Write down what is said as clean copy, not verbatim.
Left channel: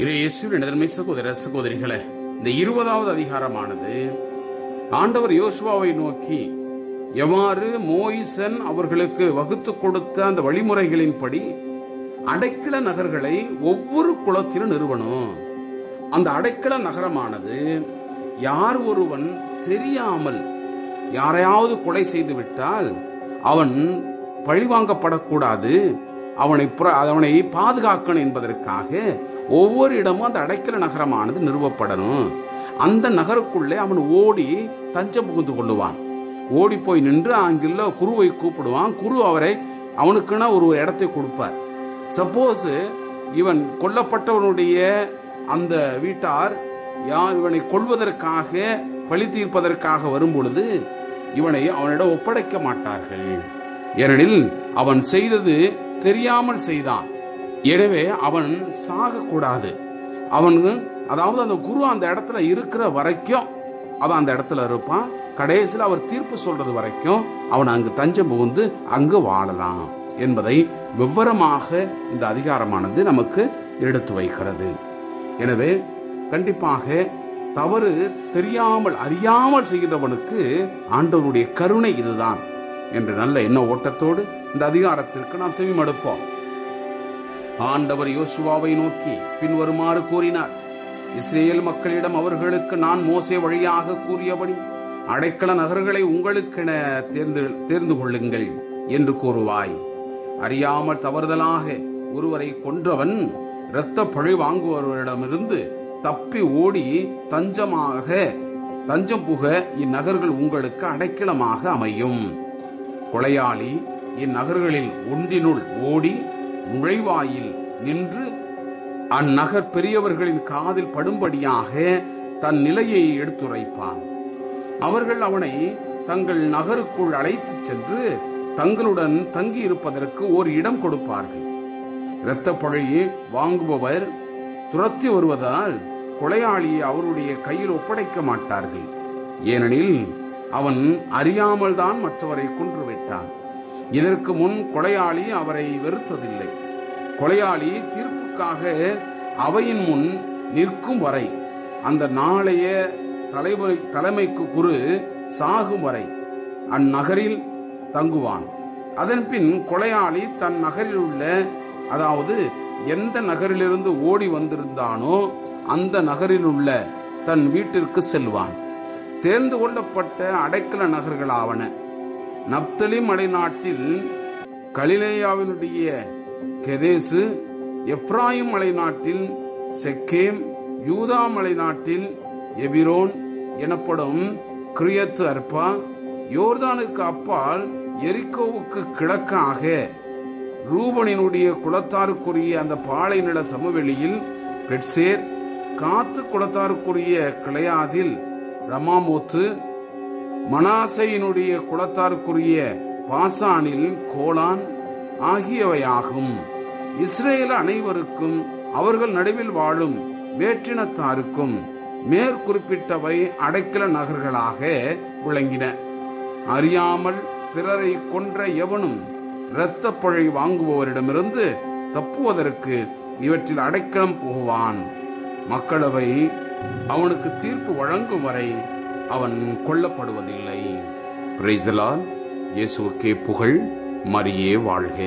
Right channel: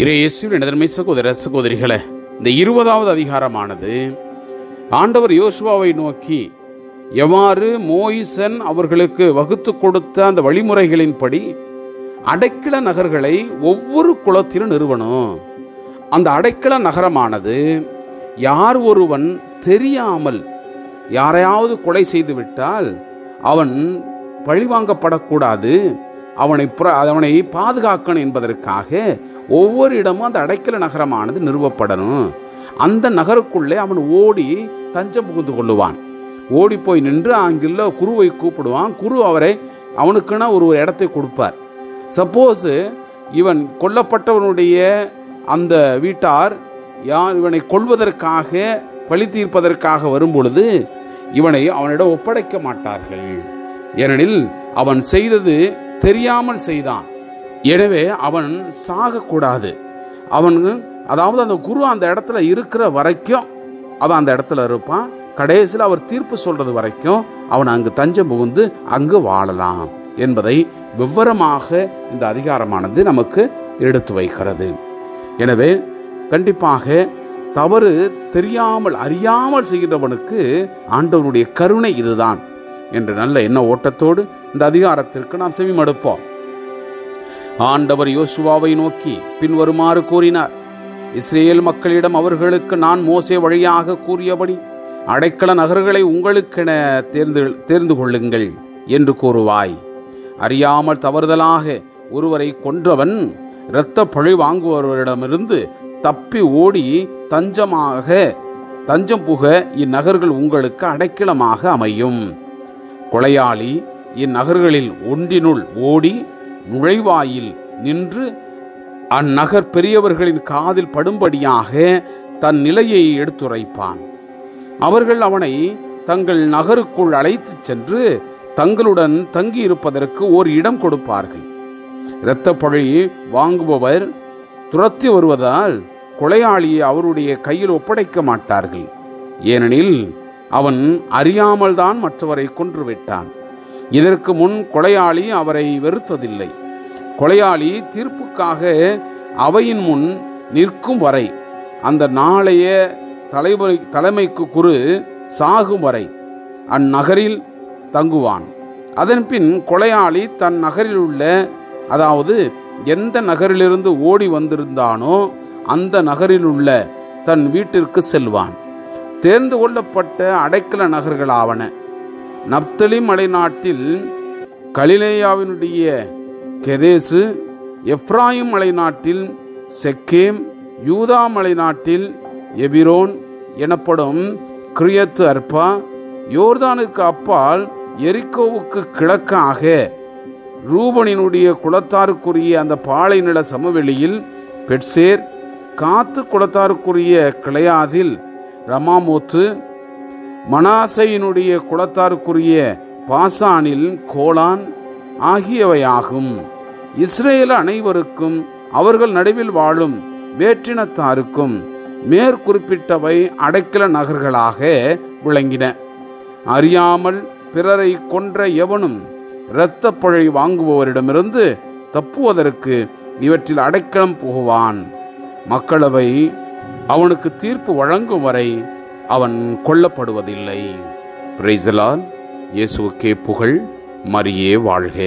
இயேசுவின் நடுமை சகோதர சகோதரிகளே, இந்த 20வது அதிகாரமானது ஆண்டவர் யோசுவாவை நோக்கி எவ்வாறு மோயிசன் அவர்களுக்கு வகுத்து கொடுத்த அந்த வழிமுறைகளின்படி அடைக்கல நகர்களை ஒவ்வொரு குலத்திலும் நிறுவனம். அந்த அடைக்கல நகரமானது யார் ஒருவன் தெரியாமல் யாரையாவது கொலை செய்து விட்டால் அவன் பழிவாங்கப்படக்கூடாது, அவனை பாதுகாக்கணும் என்பதற்காக ஒவ்வொரு இடமும் அந்த அடைக்கல நகரமானது நிறுவப்படணும். அந்த நகருக்குள்ளே அவன் ஓடி தஞ்சம் புகுந்து கொள்ளுவான். ஓடி போய் நின்று அங்குள்ள குருவை கூப்பிடுவான். குரு அவனுக்குன்னா ஒரு இடத்தை கொடுப்பார். சப்போஸ் இவன் கொல்லப்பட்டவனுடைய அந்த வீட்டார் இவனை கொல்வதற்காக பழி தீர்ப்பதற்காக வரும் பொழுது அவனிடம் ஒப்படைக்க மாட்டார்கள். ஏனெனில் அவன் செய்தது தெரியாமல் செய்தான். எனவே அவன் சாகக்கூடாது. அதாவது அந்த குரு அந்த இடத்துல இருக்கிற வரைக்கும் அவன் அந்த இடத்துல இருப்பான். கடைசியில் அவர் தீர்ப்பு சொல்றது வரைக்கும் அவன் அங்கு தஞ்சம் புகுந்து அங்கு வாழலாம் என்பதை விவரமாக இந்த அதிகாரமானது நமக்கு எடுத்து வைக்கிறது. எனவே கண்டிப்பாக தவறு தெரியாமல் அறியாமல் செய்கிறவனுக்கு ஆண்டவருடைய கருணை இதுதான் என்ற நல்ல எண்ண ஓட்டத்தோடு இந்த அதிகாரத்திற்கு நாம் செவிமடுப்போம். ஆண்டவர் யோசுவாவை நோக்கி பின்வருமாறு கூறினார்: இஸ்ரேல் மக்களிடம் அவர்களுக்கு நான் மோசே வழியாக கூறியபடி அடைக்கல நகர்களை உங்களுக்கென தேர்ந்து கொள்ளுங்கள் என்று கூறுவாய். அறியாமல் தவறுதலாக ஒருவரை கொன்றவன் இரத்த பழி வாங்குபவரிடமிருந்து தப்பி ஓடி தஞ்சம் புக இந்நகர்கள் உங்களுக்கு அடைக்கலமாக அமையும். கொலையாளி இந்நகர்களில் ஒன்றினுள் ஓடி நுழைவாயில் நின்று அந்நகர் பெரியவர்களின் காதில் படும்படியாக தன் நிலையை எடுத்துரைப்பான். அவர்கள் அவனை தங்கள் நகருக்குள் அழைத்துச் சென்று தங்களுடன் தங்கியிருப்பதற்கு ஒரு இடம் கொடுப்பார்கள். இரத்த பழி வாங்குபவர் துரத்தி வருவதால் கொலையாளியை அவருடைய கையில் ஒப்படைக்க மாட்டார்கள். ஏனெனில் அவன் அறியாமல் தான் மற்றவரை கொன்றுவிட்டான். இதற்கு முன் கொலையாளி அவரை வெறுத்ததில்லை. கொலையாளி தீர்ப்புக்காக அவையின் முன் நிற்கும் வரை, அந்த நாளைய தலைமைக்கு குரு சாகும் வரை அந்நகரில் தங்குவான். அதன்பின் கொலையாளி தன் நகரில் உள்ள, அதாவது எந்த நகரிலிருந்து ஓடி வந்திருந்தானோ அந்த நகரில் உள்ள தன் வீட்டிற்கு செல்வான். தேர்ந்து கொள்ளப்பட்ட அடைக்கல நகர்களாவன: நப்தலி மலைநாட்டில் கலிலேயாவினுடைய கெதேசு, எப்ராயிம் மலைநாட்டில் செக்கேம், யூதா மலைநாட்டில் எபிரோன் எனப்படும் கிரியத்து அர்பா, யோர்தானுக்கு அப்பால் எரிக்கோவுக்கு கிழக்காக ரூபனினுடைய குலத்தாருக்குரிய அந்த பாலை நில சமவெளியில் பெட்சேர், காத்து குலத்தாருக்குரிய கிளையாதில் ரமாமோத்து, மனாசையினுடைய குலத்தாருக்குரிய பாசானில் கோலான் ஆகியவையாகும். இஸ்ரேல் அனைவருக்கும் அவர்கள் நடுவில் வாழும் வேற்றினத்தாருக்கும் மேற்குறிப்பிட்டவை அடைக்கல நகர்களாக விளங்கின. அறியாமல் பிறரை கொன்ற எவனும் இரத்த பழி வாங்குபவரிடமிருந்து தப்புவதற்கு இவற்றில் அடைக்கலம் புகுவான். மக்களவை அவனுக்கு தீர்ப்பு வழங்கும் வரை அவன் கொல்லப்படுவதில்லை. Praise the Lord. இயேசுவுக்கே புகழ். மரியே வாழ்க.